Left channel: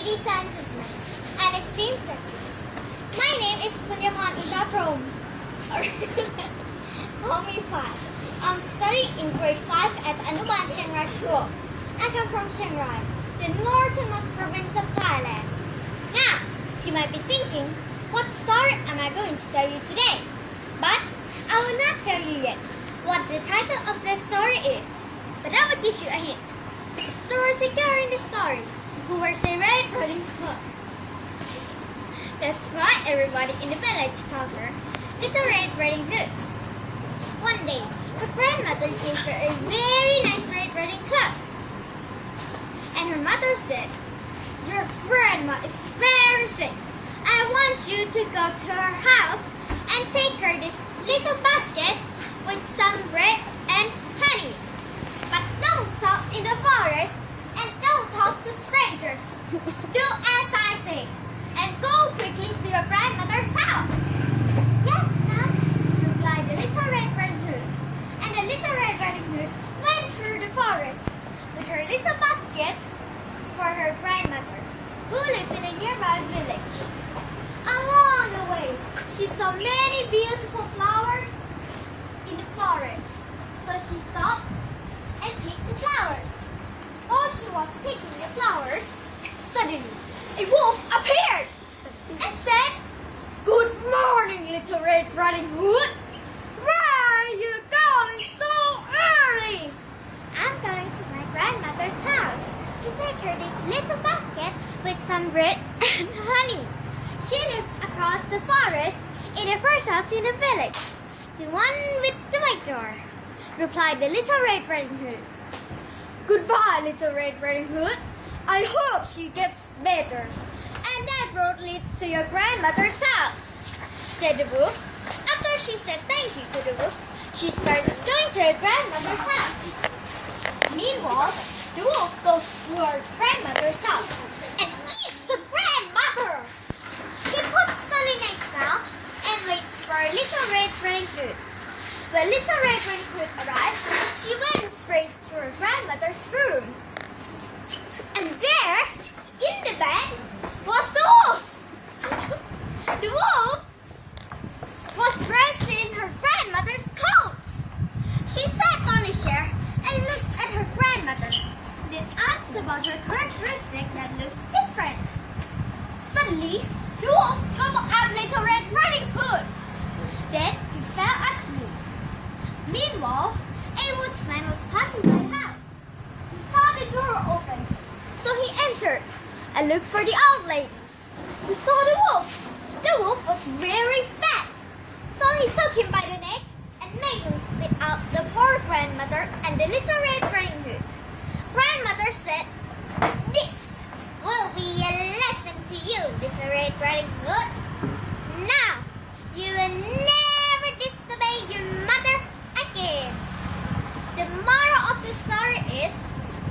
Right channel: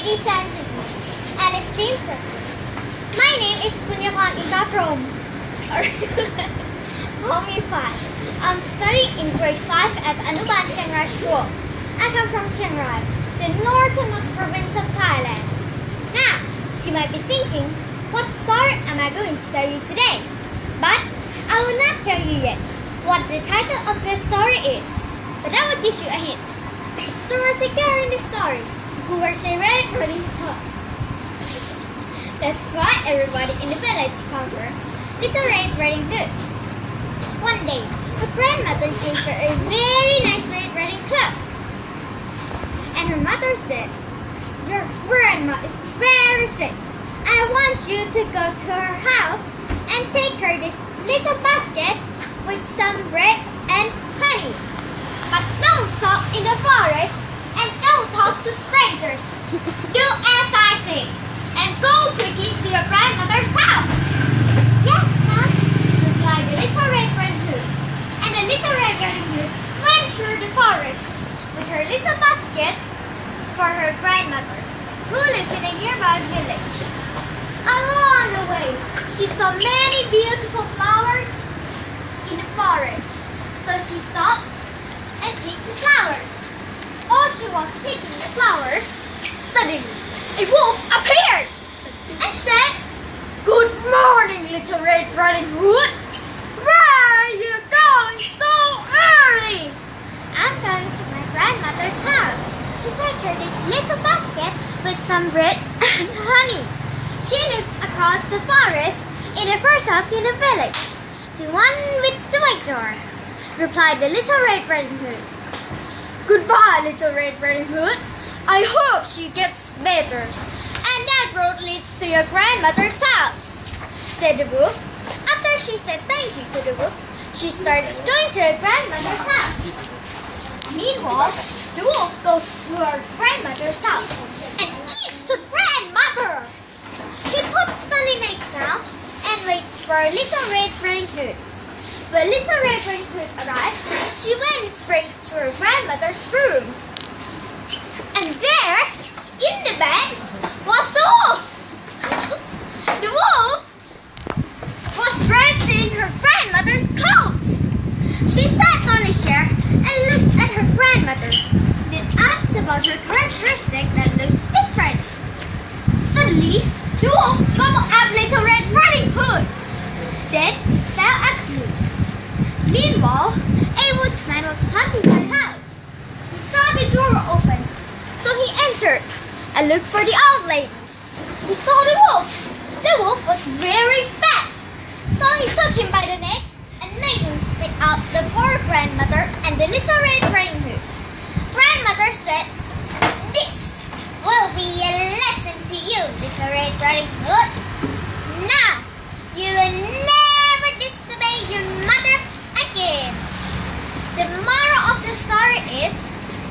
ladies and gentlemen, and esteemed judges. My name is Punyapan Isaprom, or Homipat. I'm studying in grade 5 at Anuban Chiang Rai School. I come from Chiang Rai, the northernmost province of Thailand. Now, you might be thinking, what story am I going to tell you today? But I will not tell you yet what the title of the story is. But I will give you a hint. There was a girl in the story who wears a red riding hood. That's why everybody in the village called her Little Red Riding Hood. One day, her grandmother gave her a very nice red riding cloak. And her mother said, "Your grandma is very sick. I want you to go to her house and take her this little basket with some bread and honey. But don't stop in the forest and don't talk to strangers. Do as I say and go quickly to your grandmother's house." "Yes, ma'am," replied the Little Red Riding Hood. And the Little Red Riding Hood went through the forest with her little basket for her grandmother, who lived in a nearby village. Along the way, she saw many beautiful flowers in the forest, so she stopped and picked the flowers. While she was picking the flowers, suddenly a wolf appeared and said, "Good morning, Little Red Riding Hood. Where are you going so early?" "I'm going to my grandmother's house to take her this little basket with some bread and honey. She lives across the forest in the first house in the village, the one with the white door," replied the Little Red Riding Hood. "Goodbye, Little Red Riding Hood. I hope she gets better. And that road leads to your grandmother's house," said the wolf. After she said thank you to the wolf, she starts going to her grandmother's house. Meanwhile, the wolf goes to her grandmother's house and eats the grandmother. He puts Sunny Night down and waits for Little Red Riding Hood. When Little Red Riding Hood arrived, she went straight to her grandmother's room. And there, in the bed, was the wolf. The wolf was dressed in her grandmother's clothes. She sat on a chair and looked at her grandmother, then asked about her characteristic that looks different. Suddenly, the wolf gobbled up Little Red Riding Hood. Then he fell asleep. Meanwhile, a woodsman was passing by the house. He saw the door open, so he entered and looked for the old lady. He saw the wolf. The wolf was very fat, so he took him by the neck and made him spit out the poor grandmother and the Little Red Riding Hood. Grandmother said, "This will be a lesson to you, Little Red Riding Hood. Now, you will never disobey your mother again." The moral of the story is,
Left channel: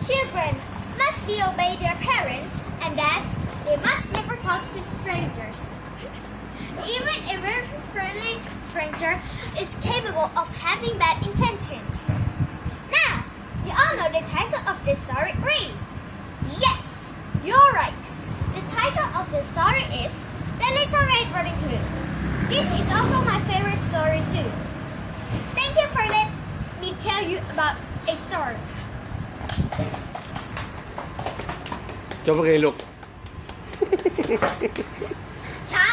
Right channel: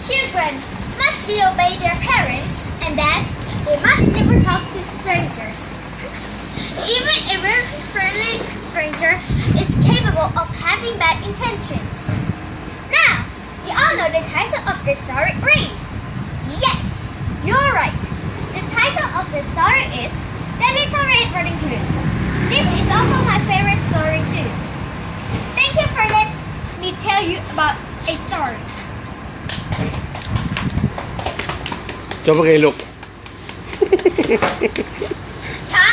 children must be obey their parents and that they must never talk to strangers. Even a very friendly stranger is capable of having bad intentions. Now, you all know the title of the story, right? Yes, you're right. The title of the story is The Little Red Riding Hood. This is also my favorite story too. Thank you for letting me tell you about a story. จบไปไงลูก ช้า